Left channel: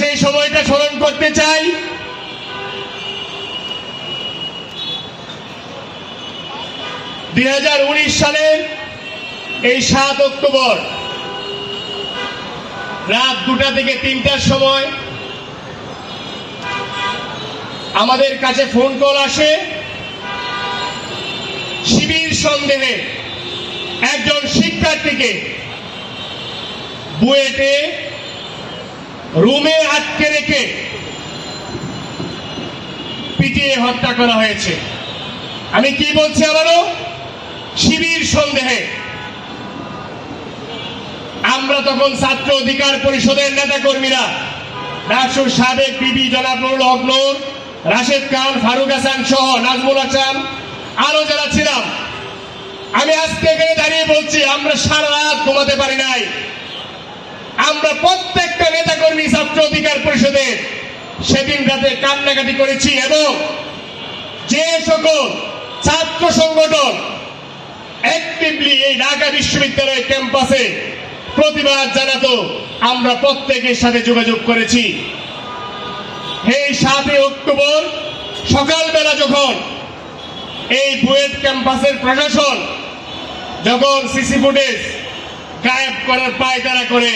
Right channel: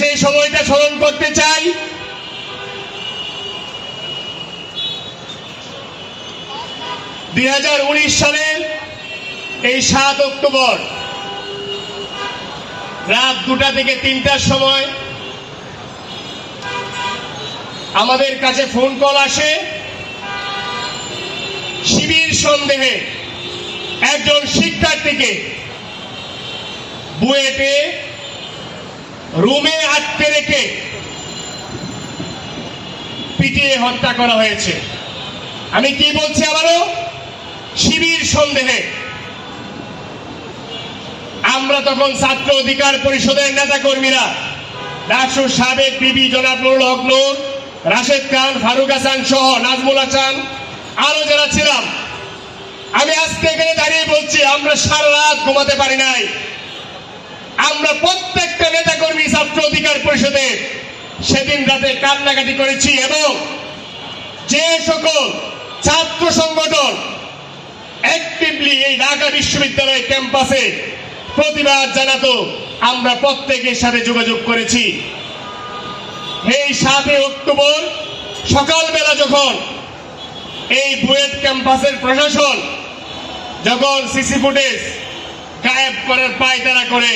সেই সময়টা স্মরণ করতে চাই। দুই হাজার উনিশ সালের এই সাত অক্টোবর, রাত দুটা থেকে তিনটার সময় আমাদের কাছে ফোন কল আসে। শিবির সন্দেহে একজন শিক্ষার্থীকে বুয়েটে রুমে আটকে রেখে পিটিয়ে হত্যা করা হয়েছে। আমি কি বলছি আবারও? শিবির সন্দেহে। আমরা তখন ছাত্র অধিকার পরিষদের নেতা কর্মীরা ডাকসুর সাবেক বিবি জনাব নুরুল হক নূর, রাশেদ খান, ফারুক হাসান সহ নাজমুল হাসান, আরও যারা ছিলাম, আমি আজকে এখানে দাঁড়িয়ে বলছি, আমরা সারা রাত ঘুমাতে পারি নাই। আমরা প্রত্যেকটা নেতা পরিষদের সেদিন রাতে কান্নাকাটি করেছি এবং যে সকল ছাত্র সংগঠন অ্যাক্টিভলি এই ঢাকা বিশ্ববিদ্যালয় ক্যাম্পাসে প্রতিবাদ জানাতো, আমরা প্রত্যেকের সাথে যোগাযোগ করেছি। এই সাতই অক্টোবর সকালবেলা যখন এই বুয়েট ক্যাম্পাসের প্রশাসন, যখন সিসি ফুটেজ গায়েব করার পায়তারা করে,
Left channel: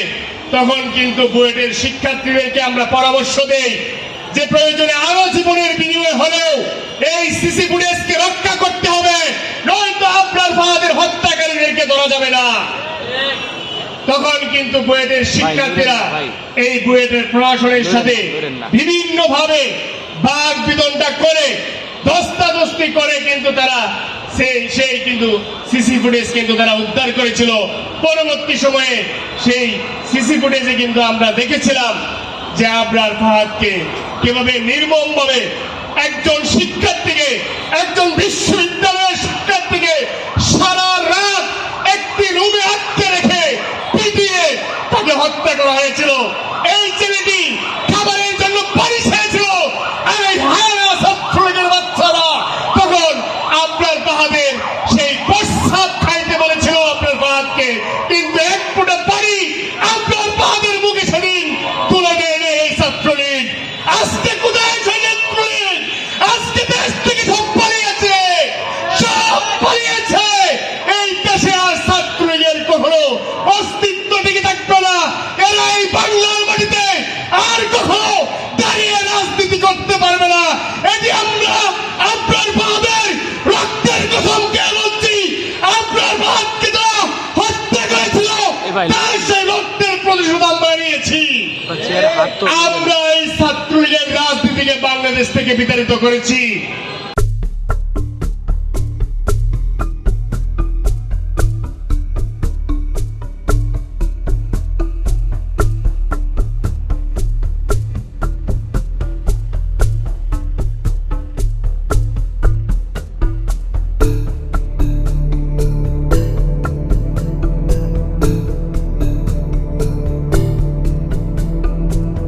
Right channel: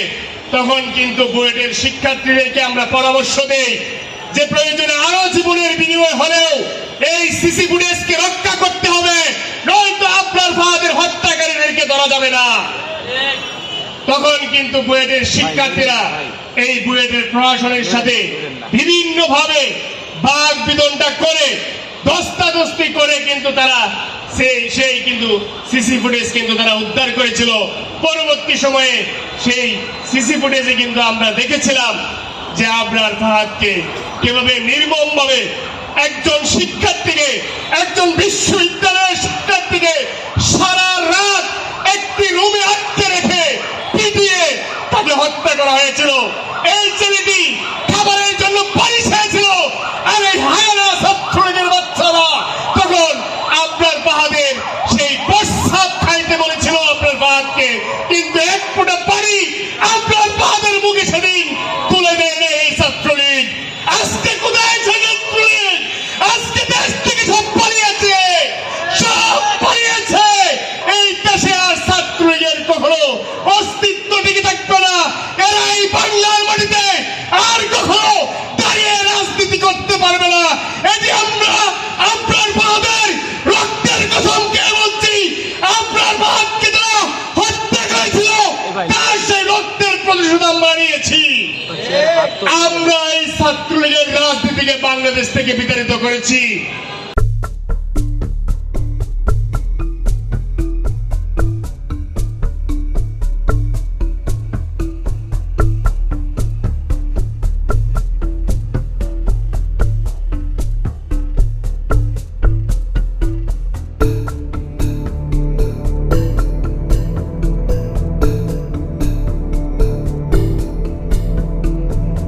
তখন কিন্তু বুয়েটের শিক্ষার্থীদেরকে আমরা পরামর্শ দেই যে প্রয়োজনে আরও জীবনের বিনিময় হলেও এই সিসি ফুটেজকে রক্ষা করতে হবে, নয়তো আপনার ফাহাদের হত্যাকারীদেরকে ধরা যাবে না। তখন কিন্তু বুয়েটের শিক্ষার্থীরা এই বুয়েটের প্রশাসনের সাথে বিভিন্ন ভাবে বাঘ বিদনটা করে দস্তাদস্তি করে কিন্তু তারা সেই কিন্তু সিসি ফুটেজ কিন্তু তারা উদ্ধার করেছিল। পরবর্তী সময়ে সেই সিসি ফুটেজে কিন্তু আমরা দেখেছিলাম যে আবরার ফাহাদকে কীভাবে নির্মম ভাবে একজন শিক্ষার্থীকে, একজন বিশ্ববিদ্যালয়ের শিক্ষার্থীকে সারা রাত একটি রুমে আটকে রেখে পিটিয়ে তাকে হত্যা করা হয়েছিল এই ছেলেটি খাবারের জন্য বাড়ি ছেড়েছিল আর এই হায়না ছাত্রলীগের বাচ্চারা তখন আপনার পাহাদের সেই প্রস্রাব খাইতে বলেছিল আপনার পাহাদকে কিন্তু এক ফুটা পানি আপনার পাহাদের মুখে সেদিন তুলে দেয় না এই ছাত্রলীগ আজকে কোথায় আছে ছাত্রলীগ আজকে দেশ থেকে সব পালিয়েছে সব পালিয়েছে এই দেশে আর ছাত্রলীগের কখনো অস্তিত্ব টিকে থাকবে না এরা এই বাংলার মাটিতে আর কখনো দাঁড়িয়ে রাজনীতি করতে পারবে না। এটি আমরা আপনার বাহাদের রক্তের কথম কে বলছি আপনার বাহাদকে তারা হত্যা করেছিল তাই সেই রক্তের প্রতিশোধ আমরা নিয়েছি। আমরা এই ছাত্রলীগের রাজনীতিকে বাংলাদেশ থেকে বিতাড়িত করেছি।